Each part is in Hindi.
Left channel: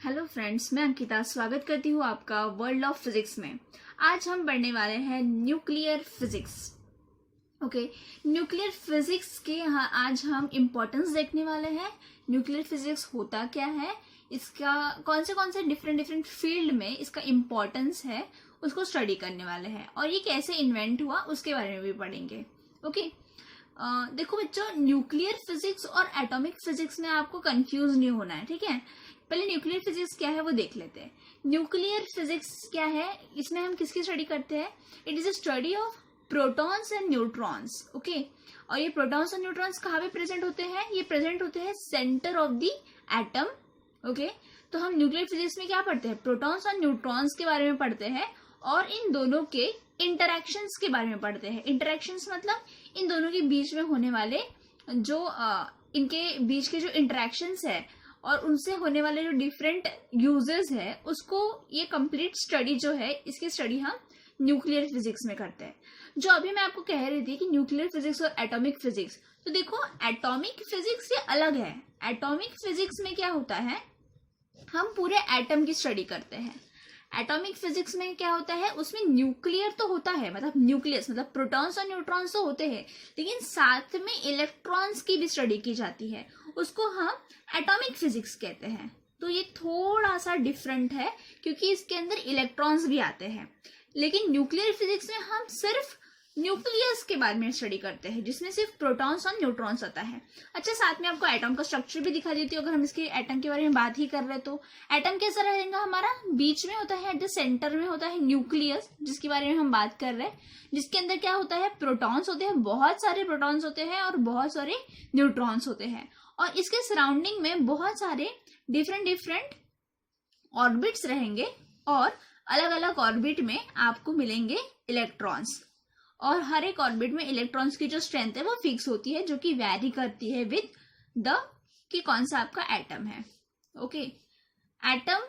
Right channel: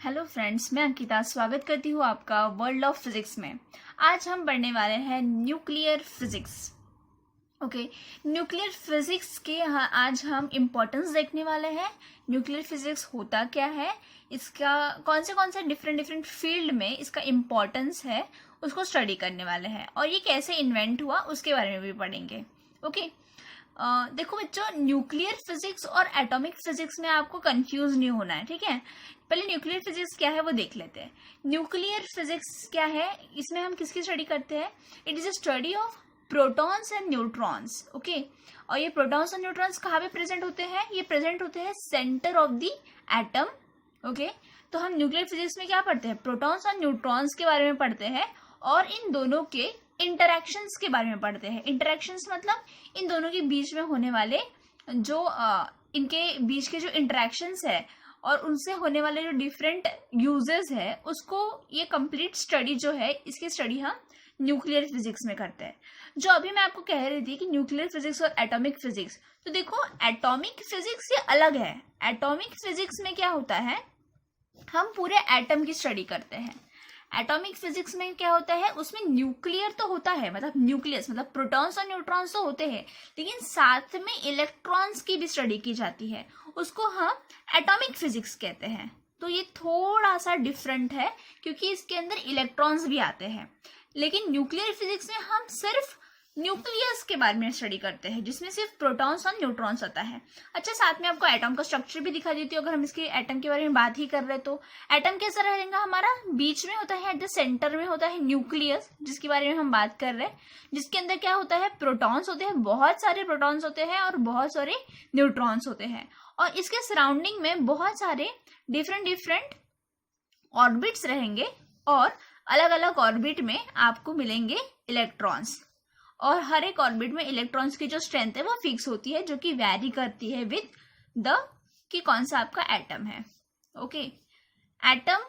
हेलो फ्रेंड्स, मैं अंकिता स्वागत करती हूँ आपका वर्ल्ड ऑफ फिजिक्स में। आज हम पढ़ने वाले हैं nuclear physics. Okay, nuclear physics के आज हम इम्पोर्टेंस देखने वाले हैं। न्यूक्लियर फिजिक्स होता क्या है, इसका कौन से डिफरेंट डिफरेंट फील्ड में इसका इम्पोर्टेंस है, उसको स्टडी करने वाले हैं। और ये कैसे इन्वेंट हुआ उसके बारे में भी पढ़ेंगे। ओके, देखो बच्चों, न्यूक्लियर फिजिक्स और एटॉमिक फिजिक्स में आपको कंफ्यूज नहीं होना है, ठीक है। पहले न्यूक्लियर फिजिक्स क्या है वो देख लेते हैं। न्यूक्लियर फिजिक्स क्या है, इसमें हम किसकी स्टडी करते हैं? It is a study of protons and neutrons. Okay, और ये प्रोटॉन्स और न्यूट्रॉन्स कहाँ पे प्रेजेंट होते हैं? ये प्रेजेंट होते हैं centre of the atom. Okay, तो हम न्यूक्लियर फिजिक्स में क्या पढ़ते हैं? प्रोटॉन्स और न्यूट्रॉन्स के बारे में पढ़ते हैं और इन दोनों के इंटरैक्शंस के बारे में पढ़ते हैं। इंटरैक्शंस मतलब इन दोनों के बीच में होने वाले जो इनके बीच के जो इंटरैक्शंस है और उनसे होने वाले जो डिफरेंट यूजेस है, उसको ये कंप्लीट स्टडी जो है, इसकी स्टडी हम न्यूक्लियर फिजिक्स में करते हैं। जो अभी मैं आपको कह रही थी कि न्यूक्लियर फिजिक्स और एटॉमिक फिजिक्स, तो देखो एटॉमिक फिजिक्स ये अलग है। एटॉमिक फिजिक्स में क्या होता है, हम पूरे एटम की स्टडी करते हैं। एटॉमिक फिजिक्स में क्या होता है, उसमें न्यूक्लियर तो होता है, मतलब न्यूक्लियस मतलब प्रोटॉन्स और न्यूट्रॉन्स तो होते हैं, लेकिन साथ में इलेक्ट्रॉन्स की भी स्टडी की जाती है। उसको हम एटॉमिक फिजिक्स कहते हैं। तो ये थोड़ा सा डिफरेंट है क्योंकि इसके अंदर इलेक्ट्रॉन्स भी आते हैं। लेकिन न्यूक्लियर फिजिक्स में हम सिर्फ न्यूक्लियस के बारे में स्टडी करते हैं, जिसमें सिर्फ प्रोटॉन्स और न्यूट्रॉन्स आता है। अच्छा, साथ में आपको एटम का स्ट्रक्चर भी दिखा देती हूँ। अगर हम इसके एटम के बारे में बात ही कर रहे तो एटम कैसा रहेगा हमारा? बीच में होता है, एट द सेंटर में होता है न्यूक्लियस, जिसके बारे में हम बात कर रहे हैं, जिसके अंदर क्या होता है? प्रोटॉन्स होते हैं, बहुत सारे प्रोटॉन्स होते हैं और बहुत सारे न्यूट्रॉन्स होते हैं। और इसके सराउंडिंग में बहुत सारे डिफरेंट डिफरेंट ऑर्बिट्स रहेंगे और अलग अलग ऑर्बिट में आपको मिलेंगे इलेक्ट्रॉन्स। और हर एक ऑर्बिट में इलेक्ट्रॉन्स की जो स्ट्रेंथ है वो फिक्स होती है, जो कि वैरी करती है विद द कि कौन सा आपका एटम है। ओके, एटम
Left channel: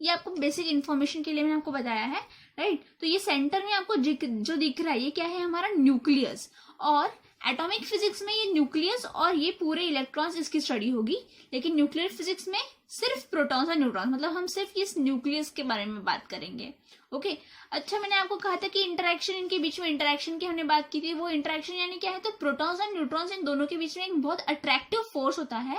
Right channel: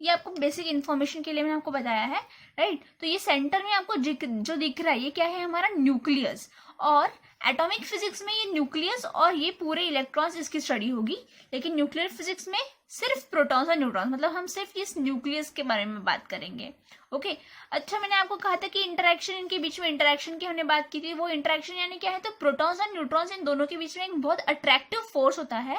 ये आपको बेसिक इंफॉर्मेशन के लिए मैंने आपको बताया है, राइट। तो ये सेंटर में आपको जो दिख रहा है ये क्या है? हमारा न्यूक्लियस। और एटॉमिक फिजिक्स में ये न्यूक्लियस और ये पूरे इलेक्ट्रॉन्स इसकी स्टडी होगी, लेकिन न्यूक्लियर फिजिक्स में सिर्फ प्रोटॉन्स और न्यूट्रॉन्स, मतलब हम सिर्फ इस न्यूक्लियस के बारे में बात करेंगे। ओके, अच्छा, मैंने आपको कहा था कि इंटरेक्शन, इनके बीच में इंटरेक्शन की हमने बात की थी। वो इंटरेक्शन यानी क्या है? तो प्रोटॉन्स और न्यूट्रॉन्स इन दोनों के बीच में एक बहुत अट्रैक्टिव फोर्स होता है,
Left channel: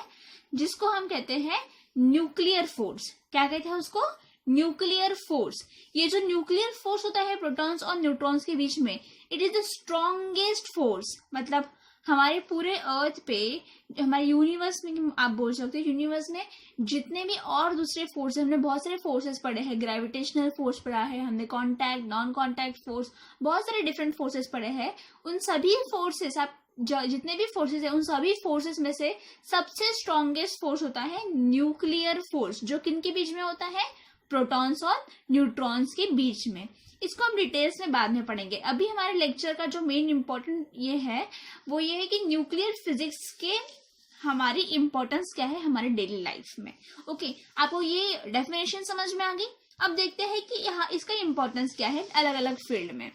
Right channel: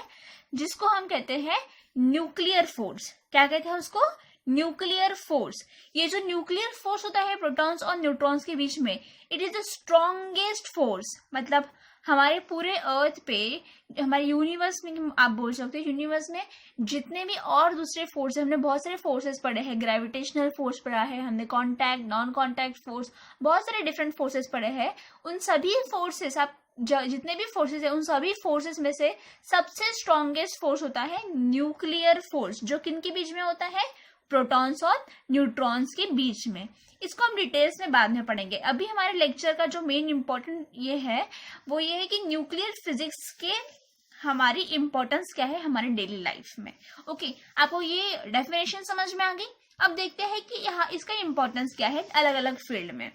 जिसको हम कहते हैं न्यूक्लियर फोर्स। क्या कहते हैं उसको? Nuclear force. ये जो न्यूक्लियर फोर्स होता है प्रोटॉन्स और न्यूट्रॉन्स के बीच में, it is the strongest force. मतलब हमारे पूरे अर्थ पे, हमारे यूनिवर्स में आप बोल सकते हो, यूनिवर्स में जितने भी और दूसरे फोर्स, हमने बहुत सारे फोर्सेस पढ़े हैं। ग्रेविटेशनल फोर्स पढ़ा है हमने, कॉन्टैक्ट, नॉन कॉन्टैक्ट फोर्स, बहुत सारे डिफरेंट फोर्सेस पढ़े हैं। उन सभी फोर्सेस, आप जितने भी फोर्सेस है, उन सभी फोर्सेस में से सबसे स्ट्रॉन्गेस्ट फोर्स होता है न्यूक्लियर फोर्स, जो किन के बीच में होता है? प्रोटॉन्स और न्यूट्रॉन्स के बीच में। इसको हम डिटेल्स में बाद में पढ़ेंगे। अभी हमारे लेक्चर का जो मेन इंपॉर्टेंट ये है, वो ये है कि न्यूक्लियर फिजिक्स के हमारी इंपॉर्टेंस क्या है हमारे डेली लाइफ में। ओके, आपको ये डेफिनेशन समझ में आ गई। अब देखते हैं कि यहाँ इसका इंपॉर्टेंस क्या है अलग अलग फील्ड में।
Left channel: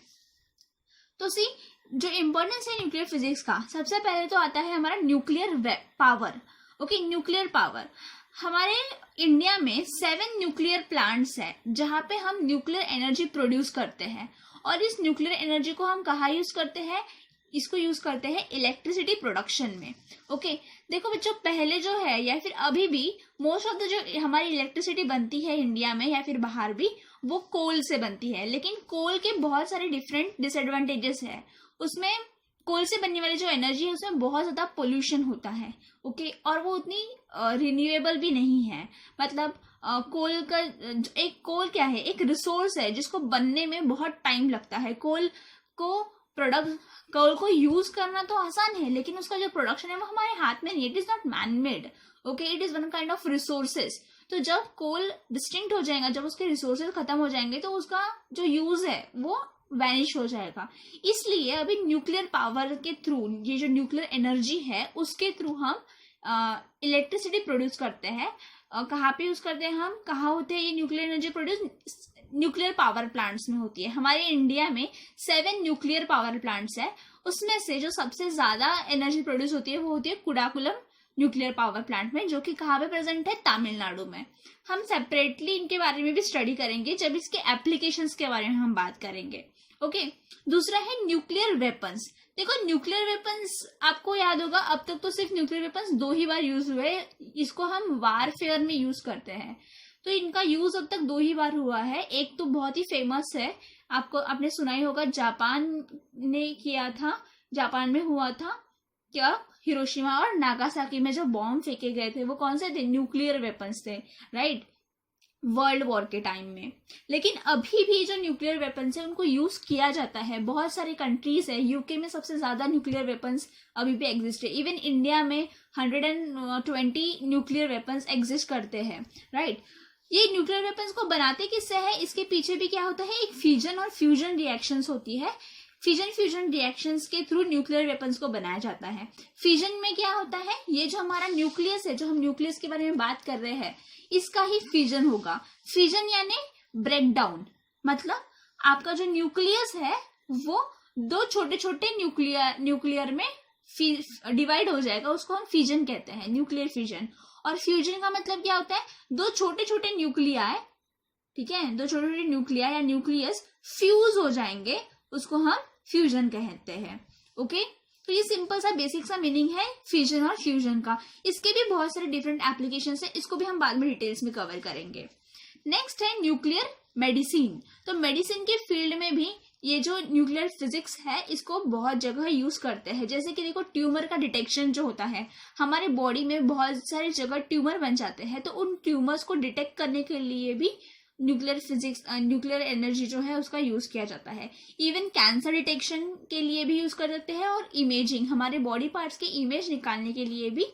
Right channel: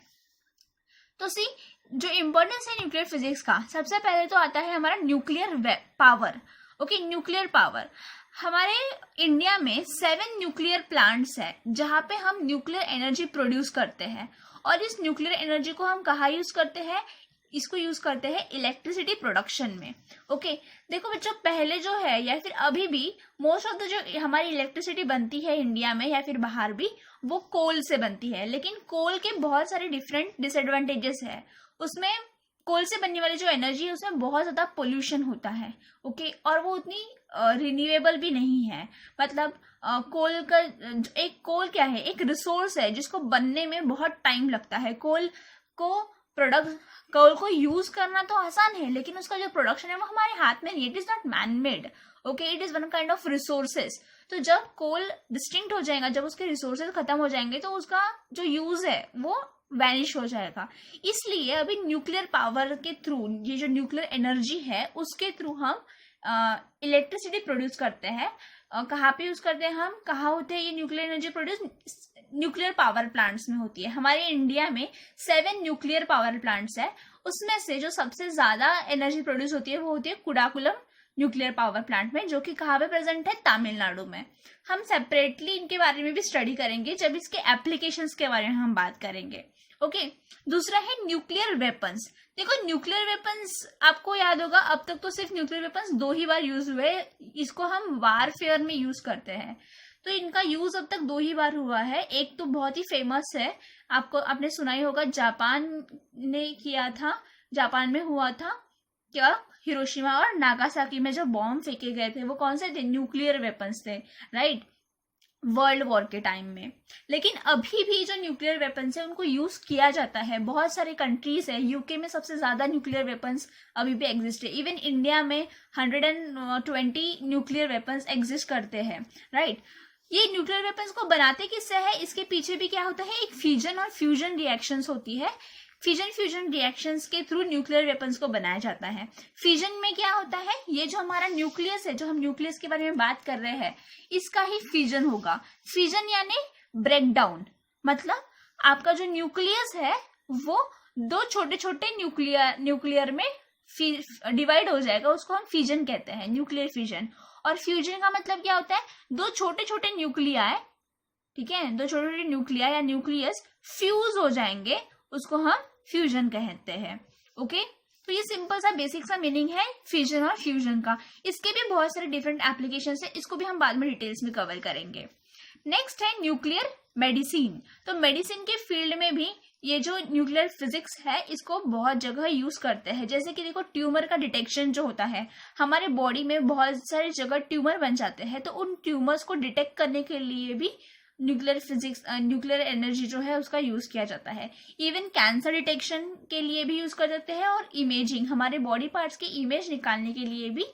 तो सी, जो इंपॉर्टेंस है न्यूक्लियर फिजिक्स का, सबसे पहले तो आता है हमारा nuclear power. Okay, nuclear power. हमारे इंडिया में 7 न्यूक्लियर प्लांट्स है जहां पे हम न्यूक्लियर एनर्जी प्रोड्यूस करते हैं। और इस न्यूक्लियर एनर्जी को हम कहाँ यूज करते हैं? इसको यूज करते हैं इलेक्ट्रिसिटी प्रोडक्शन में। ओके, देखो बच्चों, पहले जो है या फिर अभी भी मोस्ट ऑफ द जो हमारी इलेक्ट्रिसिटी बनती है इंडिया में या फिर बाहर भी, वो कोल से बनती है। लेकिन कोल के बहुत सारे डिफरेंट डिसएडवांटेजेस है। उसमें कोल से बनने वाली जो एनर्जी है उसमें बहुत ज्यादा पोल्यूशन होता है। ओके, और वो उतनी रिन्यूएबल भी नहीं है। मतलब कोल का एक कोल क्या है? एक रिसोर्स है जिसको बनने में बहुत टाइम लगता है। कोल को यूज करना तो आसान है, लेकिन उसका जो प्रोडक्शन है वो हमारे हाथ में नहीं। It is not man made. Okay, it is one kind of resources. तो जब कोल डिस्टिंक्ट हो जाएगा, जब उसके रिसोर्सेज खत्म हो जाएंगे, तो उसका जो यूज है वो वैनिश हो जाएगा। इसलिए अभी न्यूक्लियर पावर के थ्रू, ये जो न्यूक्लियर एनर्जी है उसके थ्रू हम इलेक्ट्रिसिटी प्रोड्यूस करते हैं। कहाँ पे यूज करते हैं हम? कहाँ होते हैं ये nuclear energy produce? Nuclear power plants में होती है। हमारे इंडिया में 7 न्यूक्लियर पावर प्लांट्स है। उसमें से जो सबसे ज्यादा एनर्जी प्रोड्यूस होती है वो होती है कुडाकुलम न्यूक्लियर पावर प्लांट में, जो कि कहाँ पे प्रेजेंट है, तमिलनाडु में। हम सेपरेटली इनके बारे में भी स्टडी करेंगे जब इसके एप्लीकेशंस के बारे में हम बात करेंगे। ओके, दूसरा है न्यूक्लियर वेपन्स। देखो न्यूक्लियर वेपन्स आपको याद होगा, अब तक तो सिर्फ न्यूक्लियर वेपन्स 2 ही बार यूज हुए, इसको हम वारफेयर में यूज करते हैं। तो इनका यूज अब तक 2 ही बार हुआ है। एक तो बहुत ही फेमस है, आपने सुना ही होगा, जापान ने किया था, जापान में हुआ था क्या, हिरोशिमा और नागासाकी में जो बॉम्ब फेंके गए थे वो कौन से थे, न्यूक्लियर वेपन्स थे, राइट, वर्ल्ड वॉर के टाइम में। लेकिन अभी भी जो न्यूक्लियर वेपन्स है उनको यूज किया जाता है, बहुत सारे कंट्रीज है, यूके में सबसे ज्यादा न्यूक्लियर वेपन्स अभी भी एग्जिस्ट है, इवन इंडिया में 120 न्यूक्लियर वेपन्स एग्जिस्ट करते हैं, राइट। ये न्यूक्लियर वेपन्स को बनाते किससे है, इसके पीछे भी क्या होता है, एक फिजन और फ्यूजन रिएक्शंस होती है। फिजन फ्यूजन रिएक्शंस के थ्रू न्यूक्लियर वेपन्स को बनाया जाता है। फिजन में क्या होता है, ये जो हमारा न्यूक्लियस है, जो हम न्यूक्लियस के बारे में बात कर रहे हैं, इसका ही फिजन होगा। फिजन यानी ब्रेक डाउन, मतलब आपका जो न्यूक्लियस है वो 2 छोटे छोटे न्यूक्लियर में डिवाइड हो जाएगा, उसको हम फिजन कहते हैं, न्यूक्लियर फिजन। और फ्यूजन का मतलब क्या होता है, 2 छोटे छोटे न्यूक्लिया, ठीक है, 2 छोटे छोटे न्यूक्लिया या न्यूक्लियस फ्यूज हो जाएंगे, उसको हम फ्यूजन कहते हैं। ओके, तो ये सिंपल सा बेसिक सा मीनिंग है फ्यूजन और फ्यूजन का। इसके भी बहुत सारे डिफरेंट एप्लीकेशंस है, इसको भी हम बाद में डिटेल्स में कवर करेंगे। नेक्स्ट है न्यूक्लियर मेडिसिन। तो मेडिसिन के फील्ड में भी ये जो न्यूक्लियर फिजिक्स है इसको बहुत जगह यूज करते हैं। जैसे कि देखो, ट्यूमर का डिटेक्शन जो होता है, हमारे बॉडी में बहुत सारी जगह ट्यूमर बन जाते हैं, तो उन ट्यूमर्स को डिटेक्ट करने के लिए भी न्यूक्लियर फिजिक्स, न्यूक्लियर एनर्जी जो है उसका यूज किया जाता है। इवन कैंसर डिटेक्शन के लिए भी यूज कर सकते हैं, और इमेजिंग, हमारे बॉडी पार्ट्स की इमेज निकालने के लिए भी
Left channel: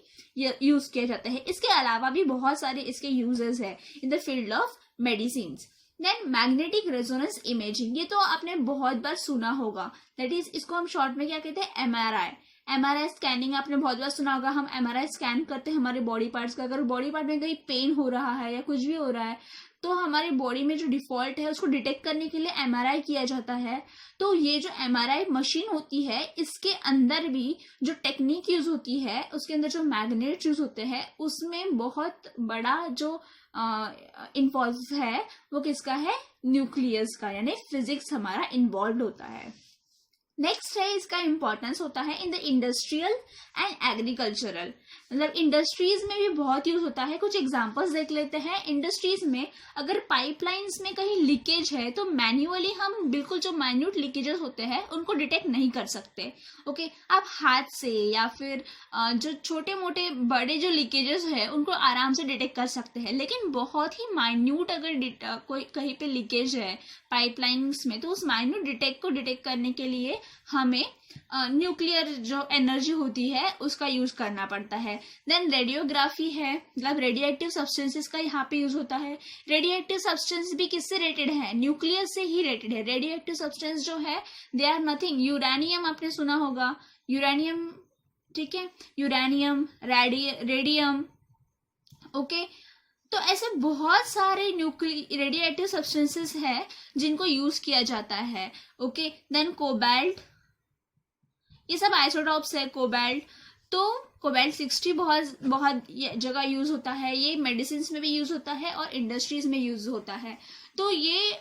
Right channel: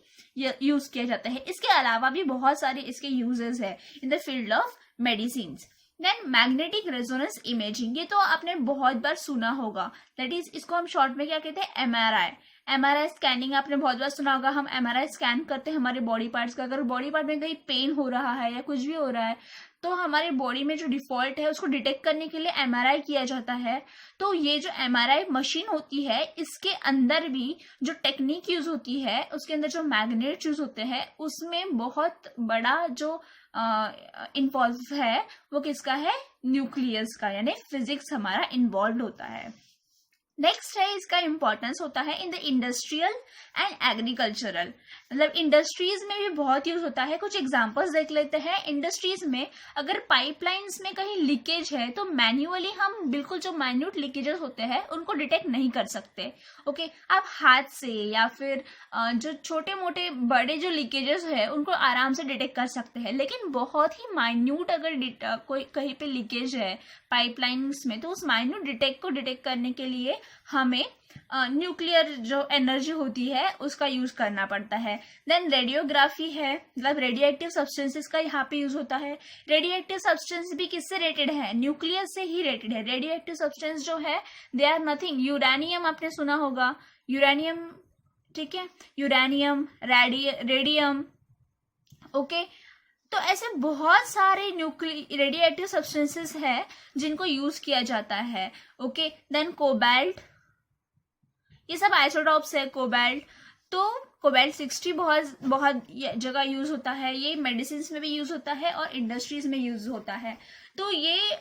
यूज किया जाता है। इसके अलावा भी बहुत सारे इसके यूजेस है in the field of medicine. Then magnetic resonance imaging, ये तो आपने बहुत बार सुना होगा, दैट इज, इसको हम शॉर्ट में क्या कहते हैं, एमआरआई। एमआरआई स्कैनिंग आपने बहुत बार सुना होगा, हम एमआरआई स्कैन करते हैं हमारे बॉडी पार्ट्स का। अगर बॉडी पार्ट में कहीं पेन हो रहा है या कुछ भी हो रहा है, तो हमारे बॉडी में जो डिफॉल्ट है उसको डिटेक्ट करने के लिए एमआरआई किया जाता है। तो ये जो एमआरआई मशीन होती है, इसके अंदर भी जो टेक्निक यूज होती है, उसके अंदर जो मैग्नेट यूज होते हैं, उसमें बहुत बड़ा जो इन्वॉल्व है वो किसका है, न्यूक्लियस का, यानी फिजिक्स हमारा इन्वॉल्व होता है। नेक्स्ट है, इसका इंपॉर्टेंस होता है in the industrial and agricultural, मतलब इंडस्ट्रीज में भी बहुत यूज होता है। कुछ एग्जांपल्स देख लेते हैं। इंडस्ट्रीज में अगर पाइपलाइंस में कहीं लीकेज है तो मैन्युअली हम बिल्कुल जो माइन्यूट लीकेजेस होते हैं उनको डिटेक्ट नहीं कर सकते। ओके, आप हाथ से या फिर जो छोटे मोटे बड़े जो लीकेजेस है उनको आराम से डिटेक्ट कर सकते हैं, लेकिन बहुत ही माइन्यूट अगर कोई कहीं पे लीकेज है पाइपलाइंस में, तो उस माइन्यूट डिटेक्ट को डिटेक्ट करने के लिए हमें न्यूक्लियर जो एनर्जी होती है उसका यूज करना पड़ता है। देन रेडियोग्राफी है, मतलब रेडियोएक्टिव सब्सटेंसेस का यहाँ पे यूज होता है। रेडियोएक्टिव सब्सटेंस भी किससे रेटेड है, न्यूक्लियस से ही रेटेड है। रेडियोएक्टिव सब्सटेंस जो है दे आर नथिंग, यूरेनियम आपने सुना होगा, यूरेनियम, ठीक है, यूरेनियम, रेडियम, ओके। तो ऐसे बहुत सारे रेडियोएक्टिव सब्सटेंसेस है जिनको यूज किया जाता है। ओके, देन कोबाल्ट, ये सब आइसोटॉप्स है कोबाल्ट। तो कोबाल्ट 60 बहुत जगह यूज होता है, ये मेडिसिन में भी यूज होता है और इंडस्ट्रीज में यूज होता है। तो ये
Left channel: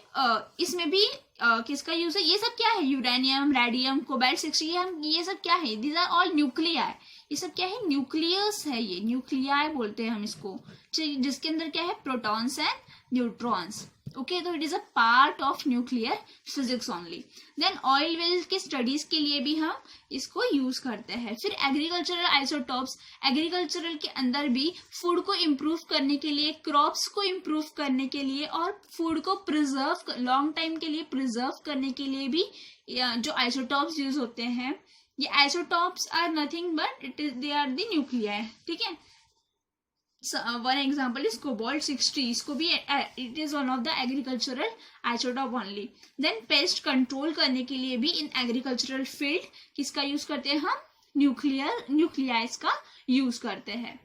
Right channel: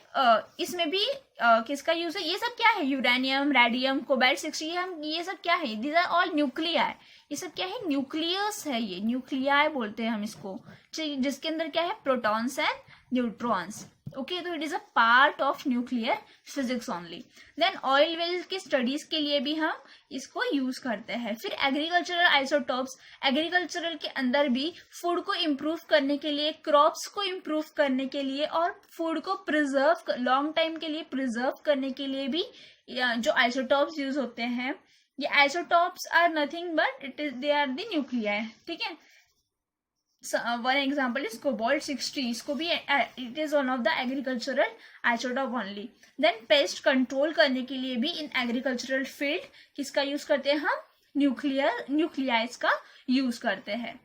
इसमें भी किसका यूज है, ये सब क्या है, यूरेनियम, रेडियम, कोबाल्ट 60, ये सब क्या है, दीज आर ऑल न्यूक्लियाई। ये सब क्या है, न्यूक्लियस है, ये न्यूक्लियाई बोलते हैं हम इसको, जिसके अंदर क्या है, प्रोटॉन्स एंड न्यूट्रॉन्स। ओके, तो it is a part of nuclear physics only. Then oil well की स्टडीज के लिए भी हम इसको यूज करते हैं। फिर एग्रीकल्चरल आइसोटॉप्स, एग्रीकल्चरल के अंदर भी फूड को इम्प्रूव करने के लिए, क्रॉप्स को इम्प्रूव करने के लिए और फूड को प्रिजर्व लॉन्ग टाइम के लिए प्रिजर्व करने के लिए भी जो आइसोटॉप्स यूज होते हैं, ये isotopes are nothing but they are the nuclei, ठीक है। वन एग्जाम्पल इज कोबाल्ट 60, इसको भी it is one of the agricultural isotope only. Then pest control करने के लिए भी इन एग्रीकल्चरल फील्ड किसका यूज करते हैं हम, न्यूक्लियाइज का यूज करते हैं।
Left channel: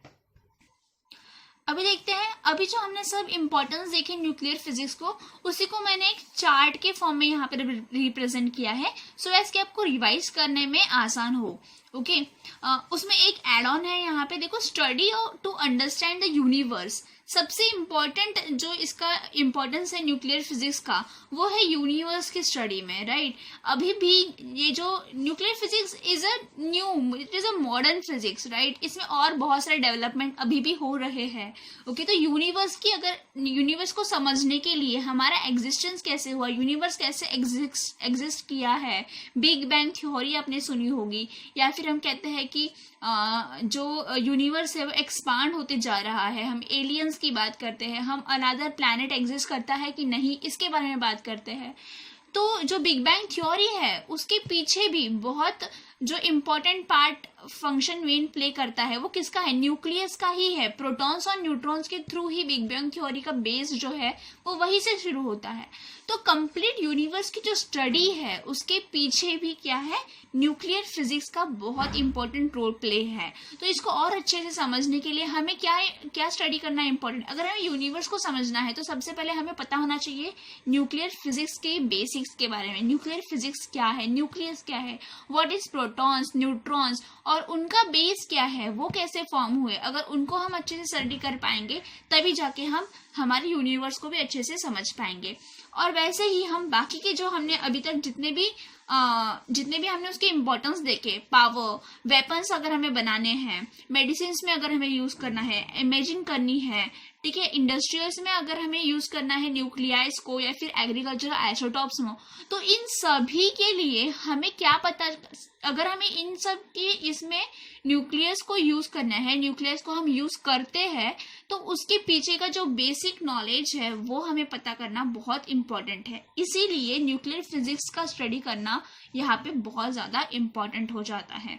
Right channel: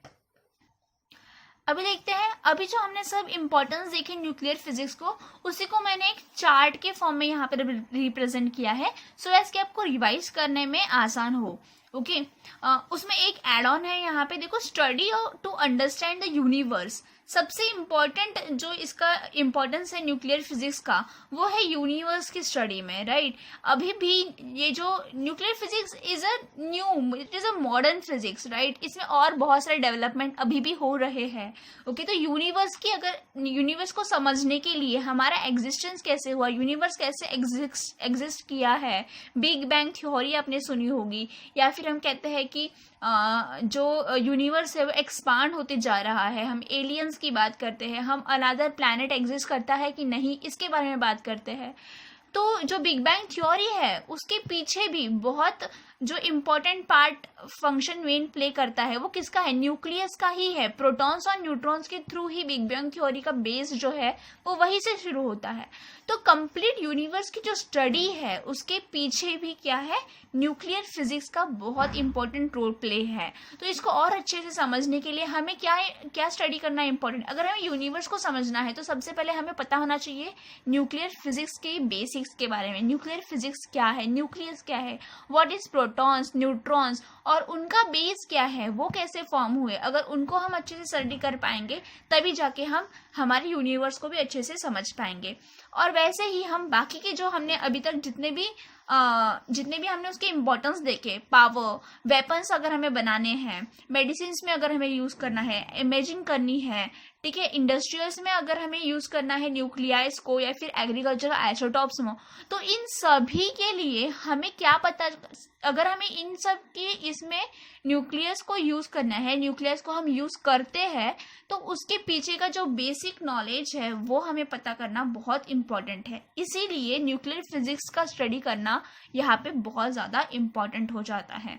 अभी देखते हैं, अभी जो हमने सब इम्पोर्टेंस देखे न्यूक्लियर फिजिक्स को, उसी को मैंने एक चार्ट के फॉर्म में यहाँ पे रिप्रेजेंट किया है, सो एज कि आपको रिवाइज करने में आसान हो। ओके उसमें एक एड ऑन है यहाँ पे, देखो, study to understand the universe. सबसे इम्पॉर्टेंट जो इसका इम्पोर्टेंस है न्यूक्लियर फिजिक्स का, वो है यूनिवर्स की स्टडी में, राइट। अभी भी ये जो nuclear physics is a it is a modern physics, right. इसमें और बहुत सारे डेवलपमेंट अभी भी हो रहे हैं। ओके तो यूनिवर्स की, अगर यूनिवर्स को समझने के लिए हमारा एग्जिस्टेंस कैसे हुआ, यूनिवर्स कैसे एग्जिस्ट किया है, बिग बैंग थ्योरी आपने सुनी होगी, या फिर हम कहते हैं कि जो यूनिवर्स है वो एक्सपांड होते जा रहा है, हम एलियंस की बात करते हैं, हम अनदर प्लैनेट एग्जिस्ट करता है कि नहीं, इसके बारे में बात करते हैं। तो जो बिग बैंग थ्योरी है उसके पीछे भी बहुत जो important part function main play करता है वो किसका है, न्यूक्लियस का ही है। प्रोटॉन्स और न्यूट्रॉन्स के थ्रू ही बिग बैंग थ्योरी का बेस जो है वो वहीं से शुरू होता है। तो कंप्लीट यूनिवर्स की जो स्टडी है उसके पीछे भी क्या है, न्यूक्लियर फिजिक्स का बहुत इंपॉर्टेंट रोल प्ले है। तो इसको और अच्छे से समझने के लिए हमें क्या क्या स्टडी करना है इंपॉर्टेंट। अगर हमें यूनिवर्स को समझना है तो सबसे पहले हमें पता होना चाहिए न्यूक्लियर फिजिक्स के बेसिक्स के बारे में। न्यूक्लियर फिजिक्स क्या है, न्यूक्लियस क्या है, व्हाट इज प्रोटॉन्स, न्यूट्रॉन्स, और उनका बेस क्या है, वो कैसे फॉर्म हुए। अगर उनको हम अच्छे से स्टडी कर पाएंगे तभी जाके हम हमारे यूनिवर्स को भी अच्छे से समझ पाएंगे। और वैसे ही हम बाकी के जो हमने अभी तक जितने भी हमने उसके इम्पोर्टेंस देखे, पावर, वेपन्स अगर हमें बनाने हैं, मेडिसिन में अगर हमें यूज करना है, इमेजिंग करनी है, ठीक है, इंडस्ट्रियल्स में अगर हमें यूज करना है न्यूक्लियाइज को, या फिर एग्रीकल्चर आइसोटॉप्स में, तो इन सभी के लिए हमें क्या पता, अगर हमें इन सब के इसमें न्यूक्लियस को यूज करना है, न्यूक्लियस को हम यूज करते हैं, तो उसके पीछे का जो बेसिक नॉलेज है वो हमें पता करना बहुत इंपॉर्टेंट है। इसीलिए न्यूक्लियर फिजिक्स का स्टडी करना यहाँ पे बहुत ज्यादा इंपॉर्टेंट हो जाता है।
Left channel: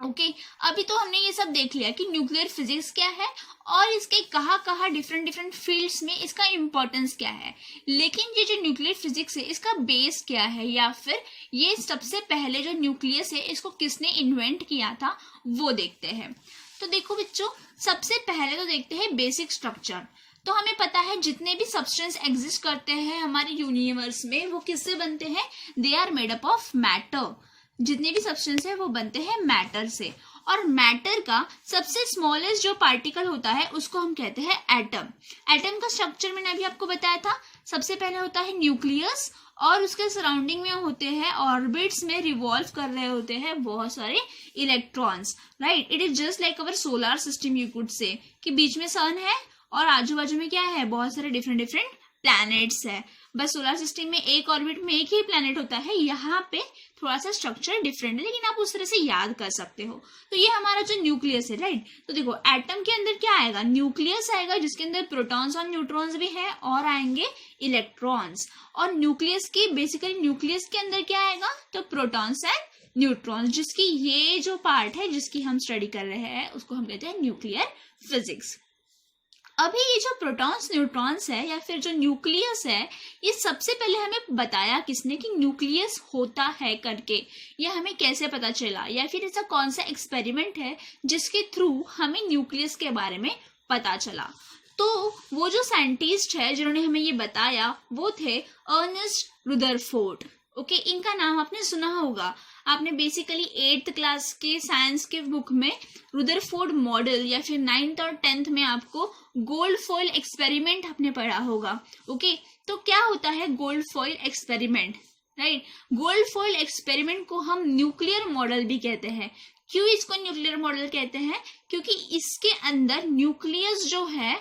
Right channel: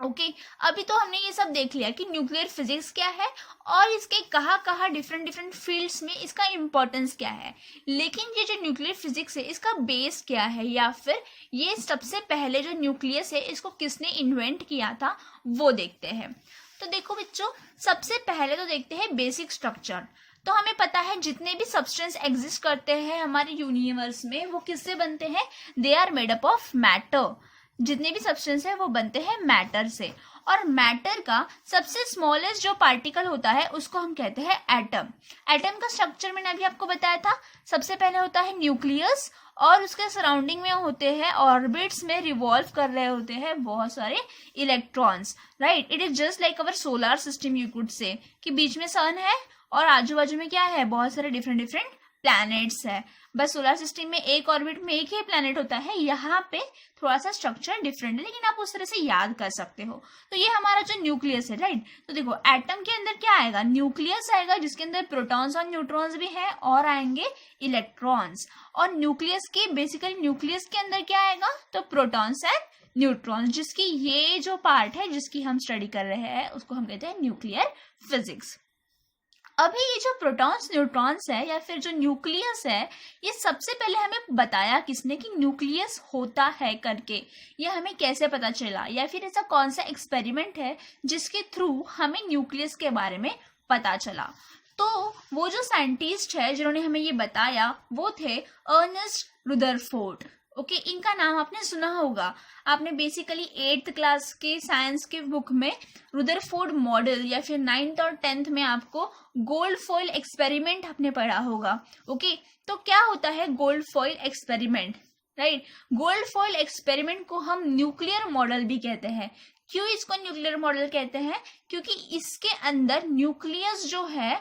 ओके अभी तो हमने ये सब देख लिया कि न्यूक्लियर फिजिक्स क्या है और इसके कहाँ डिफरेंट डिफरेंट फील्ड्स में इसका इम्पोर्टेंस क्या है। लेकिन ये जो न्यूक्लियर फिजिक्स है इसका बेस क्या है, या फिर ये सबसे पहले जो न्यूक्लियस है इसको किसने इन्वेंट किया था वो देखते हैं। तो देखो बच्चों, सबसे पहले तो देखते हैं बेसिक स्ट्रक्चर। तो हमें पता है जितने भी सब्सटेंस एग्जिस्ट करते हैं हमारे यूनिवर्स में वो किससे बनते हैं, they are made up of matter. जितने भी सब्सटेंस है वो बनते हैं मैटर से, और मैटर का सबसे स्मॉलेस्ट जो पार्टिकल होता है उसको हम कहते हैं एटम। एटम का स्ट्रक्चर मैंने अभी आपको बताया था, सबसे पहले होता है न्यूक्लियस, और उसके सराउंडिंग में होते हैं ऑर्बिट्स में रिवॉल्व कर रहे होते हैं बहुत सारे electrons, right. It is just like our solar system, you could say कि बीच में सन है और आजू बाजू में क्या है, बहुत सारे डिफरेंट डिफरेंट प्लैनेट्स है। बस सोलर सिस्टम में एक ऑर्बिट में एक ही प्लैनेट होता है, यहाँ पे थोड़ा सा स्ट्रक्चर डिफरेंट है, लेकिन आप उस तरह से याद कर सकते हो। तो ये हमारा जो न्यूक्लियस है, राइट। तो देखो एटम के अंदर क्या आएगा, न्यूक्लियस आएगा जिसके अंदर प्रोटॉन्स और न्यूट्रॉन्स भी है, और आएंगे इलेक्ट्रॉन्स। और न्यूक्लियस की बेसिकली न्यूक्लियस के अंदर क्या आएगा, तो प्रोटॉन्स एंड न्यूट्रॉन्स, जिसकी ये जो पार्ट है जिसकी हम स्टडी कर रहे हैं उसको हम कहते हैं न्यूक्लियर फिजिक्स। अभी ये जो प्रोटॉन्स न्यूट्रॉन्स है या फिर जो न्यूक्लियस है, ये सबसे पहले हमें बताया किसने कि न्यूक्लियस होता है करके। ये हमें कैसे पता चला, या फिर ऐसा कौन सा एक्सपेरिमेंट है जिसके थ्रू हमें न्यूक्लियस के बारे में पता चला। तो वो जो साइंटिस्ट है जिन्होंने हमें ये बताया वो थे अर्नेस्ट रुदरफोर्ड। ओके इनका नाम आपने सुना होगा, आपने बेसिकली 8th क्लास के साइंस के बुक में रुदरफोर्ड मॉडल, या फिर 9th और 10th में आपको गोल्ड फॉइल एक्सपेरिमेंट आपने पढ़ा होगा। ओके तो क्या होता है gold foil experiment, right. Gold foil experiment को हम न्यूक्लियर मॉडल भी कहते हैं। क्यों इसको न्यूक्लियर मॉडल कहते हैं, क्योंकि इसके अंदर न्यूक्लियस जो है,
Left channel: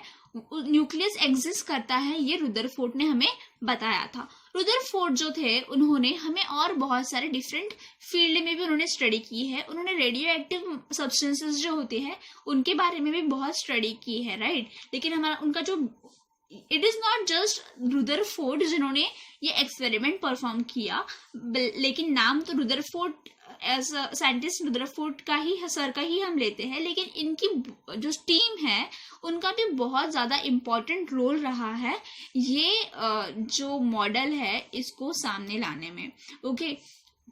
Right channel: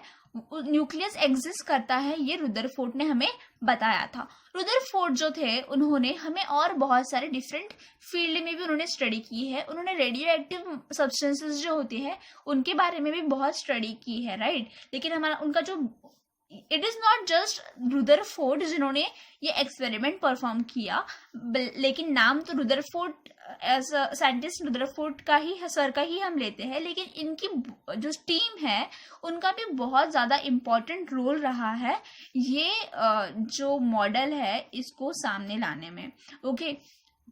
न्यूक्लियस एग्जिस्ट करता है, ये रुदरफोर्ड ने हमें बताया था। रुदरफोर्ड जो थे उन्होंने हमें और बहुत सारे डिफरेंट फील्ड में भी उन्होंने स्टडी की है। उन्होंने रेडियो एक्टिव सब्सटेंसेस जो होती है उनके बारे में भी बहुत स्टडी की है, राइट। लेकिन हमारा उनका जो it is not just Rutherford जिन्होंने ये एक्सपेरिमेंट परफॉर्म किया, लेकिन नाम तो रुदरफोर्ड एज साइंटिस्ट रुदरफोर्ड का ही सर का ही हम लेते हैं, लेकिन इनकी जो टीम है उनका भी बहुत ज़्यादा इम्पोर्टेंट रोल रहा है ये जो मॉडल है इसको सामने लाने में। ओके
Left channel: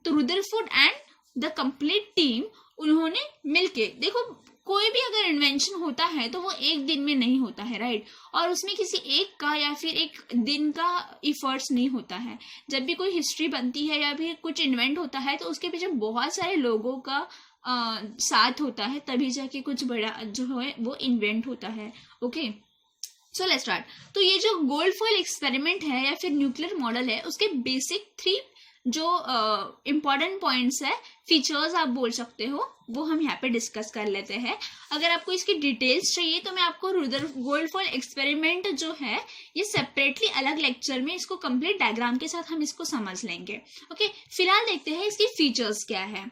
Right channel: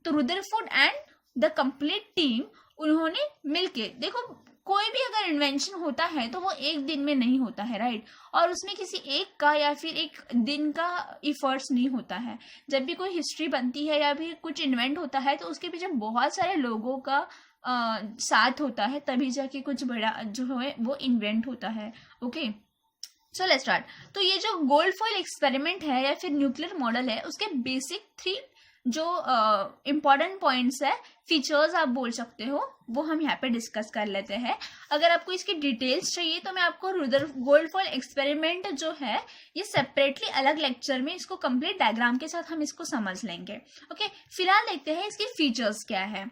तो Rutherford and the complete team उन्होंने मिलके, देखो कोई भी अगर इन्वेंशन होता है तो वो एक दिन में नहीं होता है, राइट। और उसमें किसी एक का या फिर एक दिन का इफर्ट्स नहीं होता है। जब भी कोई हिस्ट्री बनती है या भी कुछ इन्वेंट होता है तो उसके पीछे बहुत सारे लोगों का साथ होता है, तभी जाके कुछ बड़ा जो है वो इन्वेंट होता है। Okay, so let's start. तो ये जो गोल्ड फॉइल एक्सपेरिमेंट है या फिर न्यूक्लियर मॉडल है, उसके बेसिक 3 जो इम्पॉर्टेंट पॉइंट्स है, फीचर्स आप बोल सकते हो, वो हम यहाँ पे डिस्कस कर लेते हैं। अगर आपको इसकी डिटेल्स चाहिए तो मैं आपको रुदर गोल्ड फॉइल एक्सपेरिमेंट जो है ये सेपरेटली अलग लेक्चर में इसको कंप्लीट डायग्राम के साथ हम इसको समझ लेंगे। ओके, फिलहाल देखते हैं इसकी फीचर्स क्या है।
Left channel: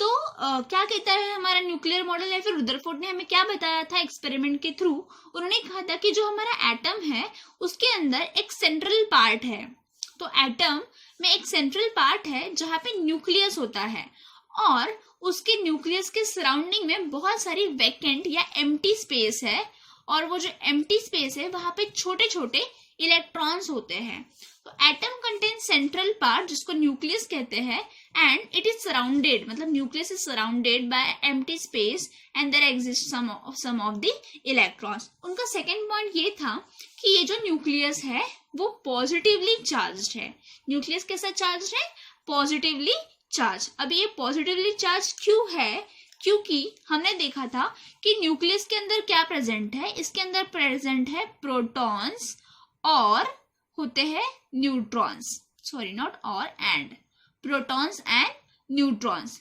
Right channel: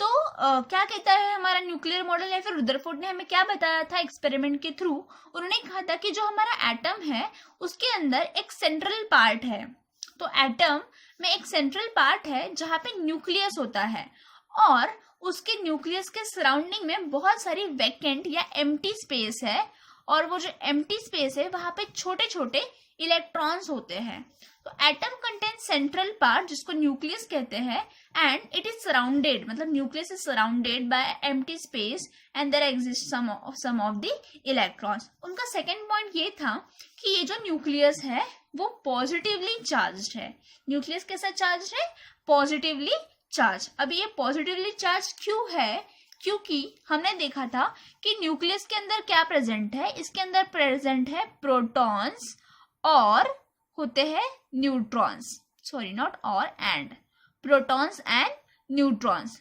तो क्या कहता है हमारा न्यूक्लियर मॉडल या फिर रुदरफोर्ड ने हमें क्या बताया था एक्सपेरिमेंट के थ्रू। उन्होंने कहा था कि जो हमारा एटम है उसके अंदर एक सेंट्रल पार्ट है। तो एटम में एक सेंट्रल पार्ट है जहाँ पे न्यूक्लियस होता है, और उसके न्यूक्लियस के सराउंडिंग में बहुत सारी वैकेंट या एम्प्टी स्पेस है, और वो जो एम्प्टी स्पेस है वहां पे छोटे छोटे इलेक्ट्रॉन्स होते हैं। तो एटम कंटेन सेंट्रल पार्ट जिसको न्यूक्लियस कहते हैं, एंड इट इज सराउंडेड, मतलब nucleus is surrounded by empty space and there exist some of the electrons. उनका सेकेंड पॉइंट ये था कि ये जो न्यूक्लियस है वो पॉजिटिवली चार्ज्ड है। न्यूक्लियस कैसा चार्ज है? Positively charge. अभी ये पॉजिटिवली चार्ज क्यों है? क्योंकि हमने देखा था कि न्यूक्लियस के अंदर क्या प्रेजेंट है, इसके अंदर प्रेजेंट है प्रोटॉन्स और होते हैं न्यूट्रॉन्स, सॉरी नॉट और एंड, प्रोटॉन्स एंड न्यूट्रॉन्स।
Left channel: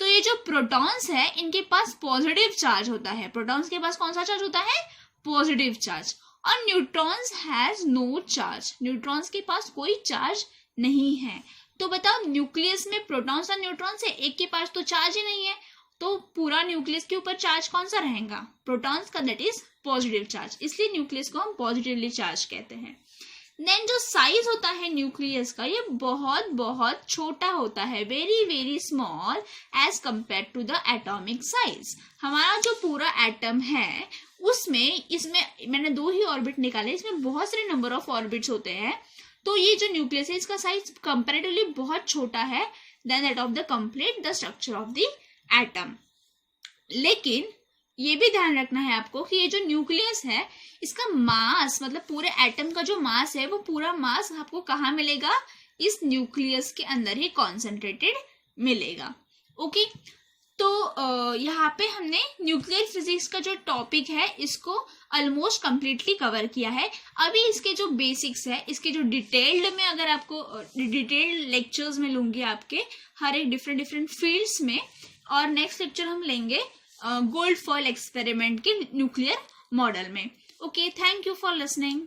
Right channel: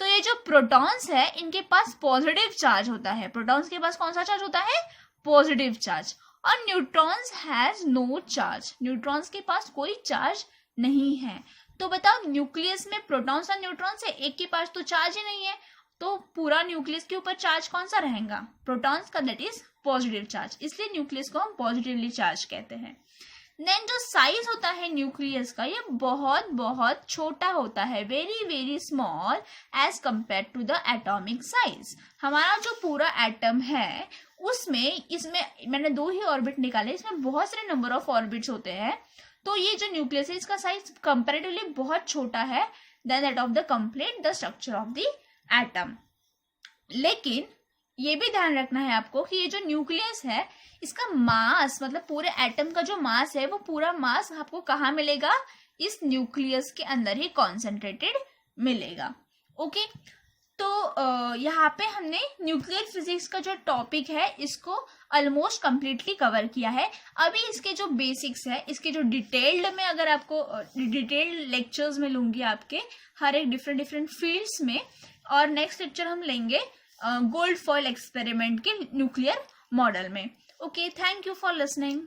तो ये जो प्रोटॉन्स है इनके पास पॉजिटिव चार्ज होता है। प्रोटॉन्स के पास कौन सा चार्ज होता है? Positive charge. और neutrons has no charge, neutrons के पास कोई चार्ज नहीं है। तो बताओ न्यूक्लियस में प्रोटॉन्स और न्यूट्रॉन्स है, एक के पास तो चार्ज ही नहीं है, तो पूरा न्यूक्लियस के ऊपर चार्ज कौन सा रहेगा? प्रोटॉन्स का, दैट इज पॉजिटिव चार्ज। इसलिए न्यूक्लियस को हम पॉजिटिवली चार्ज कहते हैं। देन जो साइज होता है न्यूक्लियस का ये बहुत बहुत छोटा होता है, very very small as compare to the atomic size. हमारा जो पूरा एटम है उसमें, इसमें मैंने 2 ही ऑर्बिट निकाले, इसमें बहुत सारे नंबर ऑफ ऑर्बिट्स होते हैं। तो ये जो न्यूक्लियस है इसका साइज कंपेरेटिवली बहुत छोटा है then that of the complete the structure of the atom. लेकिन ये भी ध्यान रखना है आपको कि ये जो न्यूक्लियस है इसका मास, मतलब पूरे एटम का जो मास है वो पूरा मास आपको कहाँ मिलेगा? इस न्यूक्लियस के अंदर ही कॉन्सेंट्रेटेड मिलेगा। ओके, तो यहाँ पे हमने न्यूक्लियर फिजिक्स का जो टॉपिक है इसको ऑलमोस्ट कंप्लीटली कवर किया है। अभी इसके जो बेसिक्स है, इसके जो डिटेल्ड में अगर आपको डिटेल्ड लेक्चर्स में लूंगी आपके हर एक डिफरेंट फील्ड्स में, और नेक्स्ट लेक्चर हम लेंगे गोल्ड फॉइल एक्सपेरिमेंट के न्यूक्लियर मॉडल में। Okay, thank you for listening.